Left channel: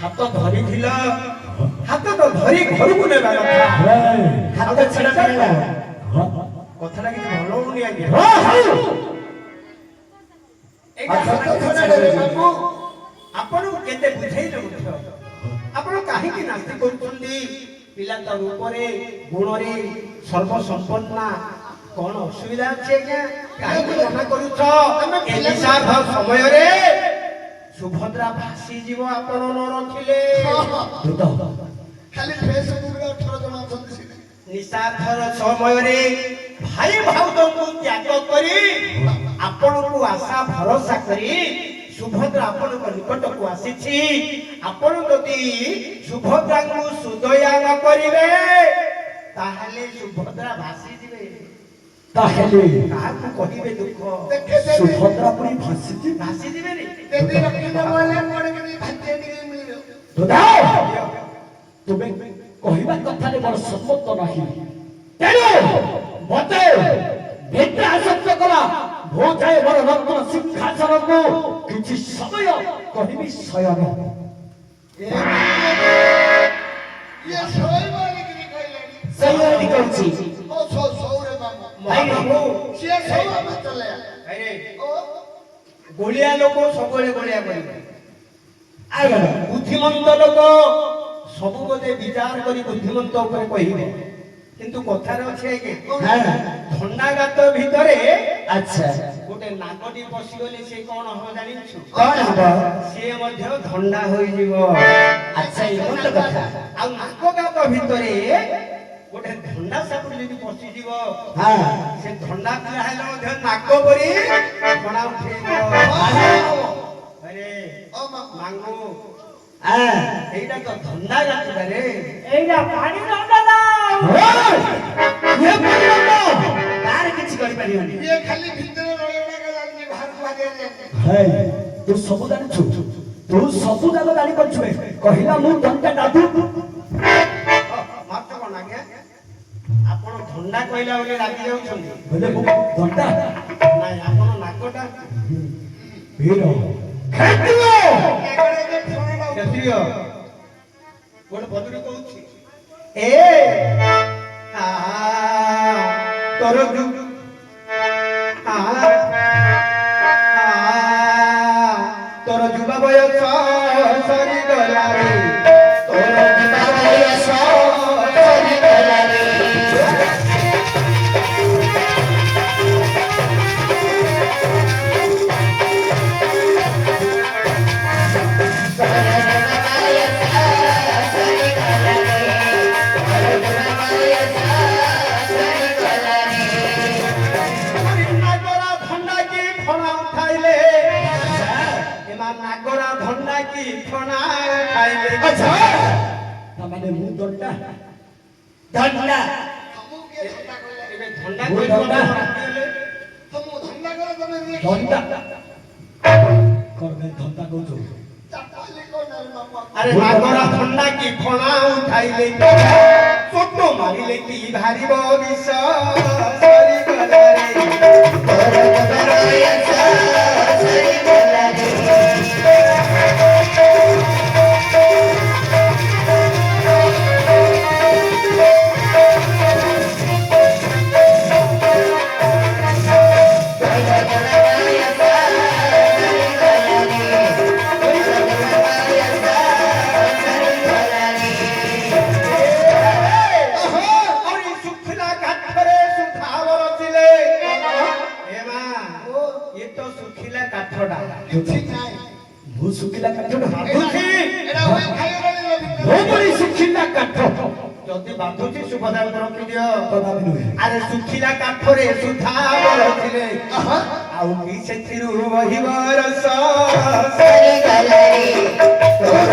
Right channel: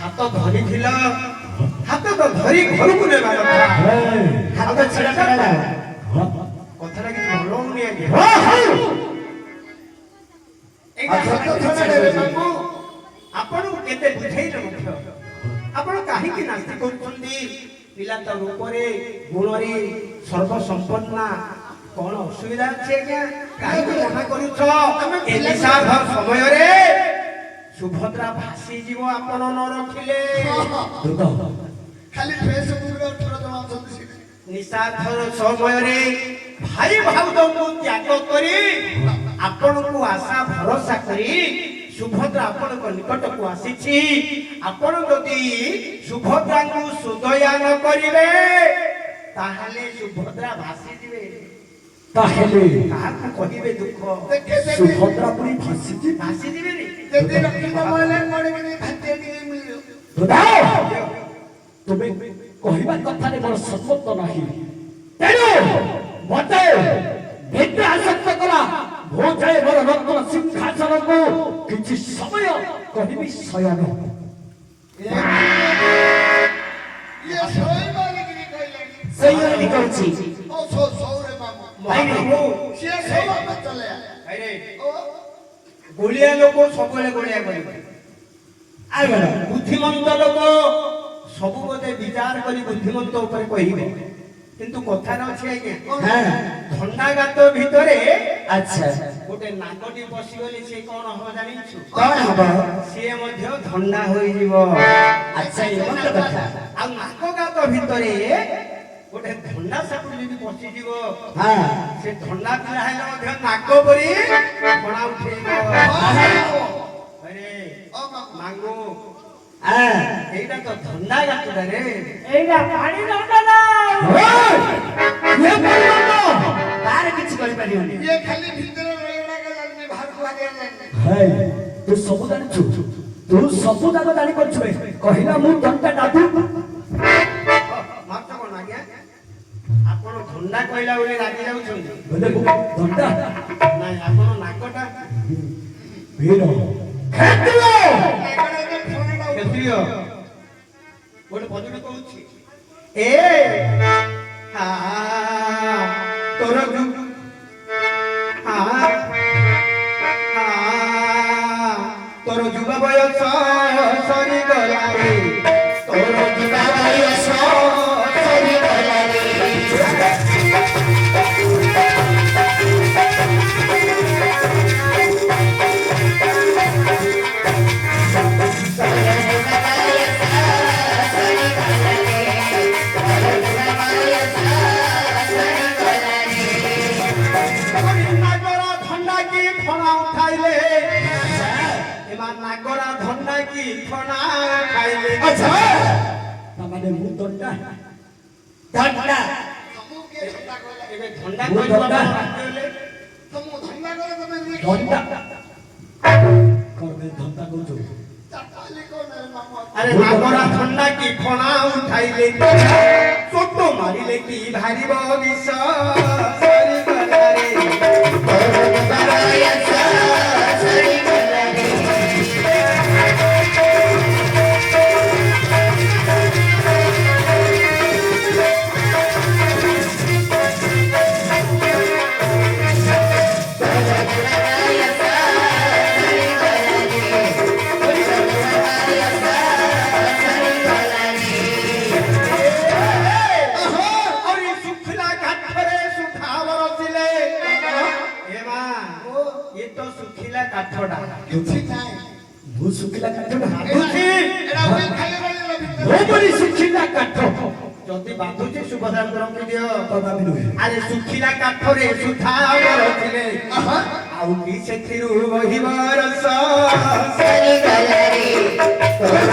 हाथ धरी थिला हाथ तो धरी घर को नेबा कथा हाथ छेड़ा छेड़ा कथा लागि भलो होनी आगे आपण केते बुझाइले मुख्य आपण काहे कि नास्ति कोनली पिला त रूपरे गुणरे सर्व संपन्ना कोन असुविधा छे क्या काहे कि मना करू छ ए दिशा भर समय रे सुभद्रा भासी जीव आपण न रखिले खाली फेसबुक रे थोड़ा जमा चलछि निशाधर समय रे भाई भाउजों को त्याग करी आपण को आशा भरोसा करी सुभद्रा आपण को निकट को आसीछि आपण जदी सुभद्रा को सुदया न करिवे ताहाले सुभद्रा भासी जीवे ताहेले काहू कहिबे दुख सुभद्रा पुरी भासी जीवे रे तेरे रखी माले पड़े के भाते निकली मिलियो दादा तुमे कहिबा कथा रे बड़ सम्मत नाही तेरो मते भेट आसक्त कला हो जाए मोर रत्न सिंहासन को किछि समय कहिबी शयन ये सोई माने की कहले सही कहछि ओ सो रे बाबू भाई हो से सब मत चले अरे ओ गोलिया लोक सबले गोलिया करिवे आगे बुद्धिमंत लोक सब बोधे विचार करी बुद्धिमंत ऊपर कहिबे किंतु कथार अछि आगे हां थंडागात भितरे अच्छा गोटे नागटी पसिगले से कोन हो जानिछु कोन हबो से मध्ये थंडा होई जीवो अच्छा ये कोन कथा आ नागगात भितरे गोटे थंडा सापुर जदी पसि जीवो हां से थंडा पिला हेले मध्ये नाग परी बणा उठेइबो अरे ओ मांगू हां एइटा तो थंडा गातडा रे एइटा पानी नंदना ये बोलतो तार किछ करि परियोनी ये खाली भीतर रोलेडा के जानि बाहर को आगे हे तू सब जानिछु तू सब जाक जानि परछुए कहिला मु टंटा दादू मात्र कोन आगे आपण ଥଣ୍ଡା କହିଲା ବୋଲି ରାଗି ଯାଉଛନ୍ତି ବୋଲେ ମୁଁ ଧନ୍ଦା ନାଇଁ ଆପଣ ନାକଟା ଭିଡ଼ ଖେଦିବ ଏଗୁଡା ଯେ ଫୋନ କ୍ଷତ୍ରିୟ ଗୋଟେ ଭଜନ କହୁଛି ଏ ହା ତୋର ତୋର ଯୁବ ବୟସ ସରିଗଲା ରେ ତୋର ଯୁବ ବୟସ ସରିଗଲା ରେ নাগরা ধন্ডা কি ফনা উঠাইলে এবার নাগরা ধন্ডা কি ফনা উঠাইলে আচ্ছা তাମାନେ ମୁଁ ଧନ୍ଦା ଧନ୍ଦା ତମକୁ କିଏ ଧନ୍ଦା କହିଲା ଏବେ ଧଣ୍ଡା ମୁଁ କହିଲା ଧଣ୍ଡା। ତମକୁ ଧନ୍ଦା କଲେ ତମେ ନିଜେ ଧନ୍ଦା করবে ধন্দা কৌছো ଚାଟାଲି କଣ ମାମା আরে নাগরা ধন্ডা কি ফনা উঠাইলে চোট মারিলে কি ভারিব বিষ সরিগলা রে তোর যুব বয়স সরিগলা রে আরে শুখিলা কাঠরে সুধাবর ছিলে এমা এ তো শুখিলা কাঠডা କିଛି ନାହିଁ ମୁଁ ଶୁଖିଲା କାଠ ନା ଭାବୁଛି ଏଟା ওই ଖାଇଗଲେ ମୋ ପରି ଶୁଖିଲା କାଠ ଯଦି ବାଧୁଛି ସୁଭଦ୍ରା ରଖିଦିଅ କଦାପି ନୁହେଁ ଆରେ ଶୁଖିଲା କାଠରେ ସୁଧାବର ଥିଲେ ଆଉ କି ସେଥିରୁ ବହିବ ରସ ସରିଗଲା ରେ ତୋର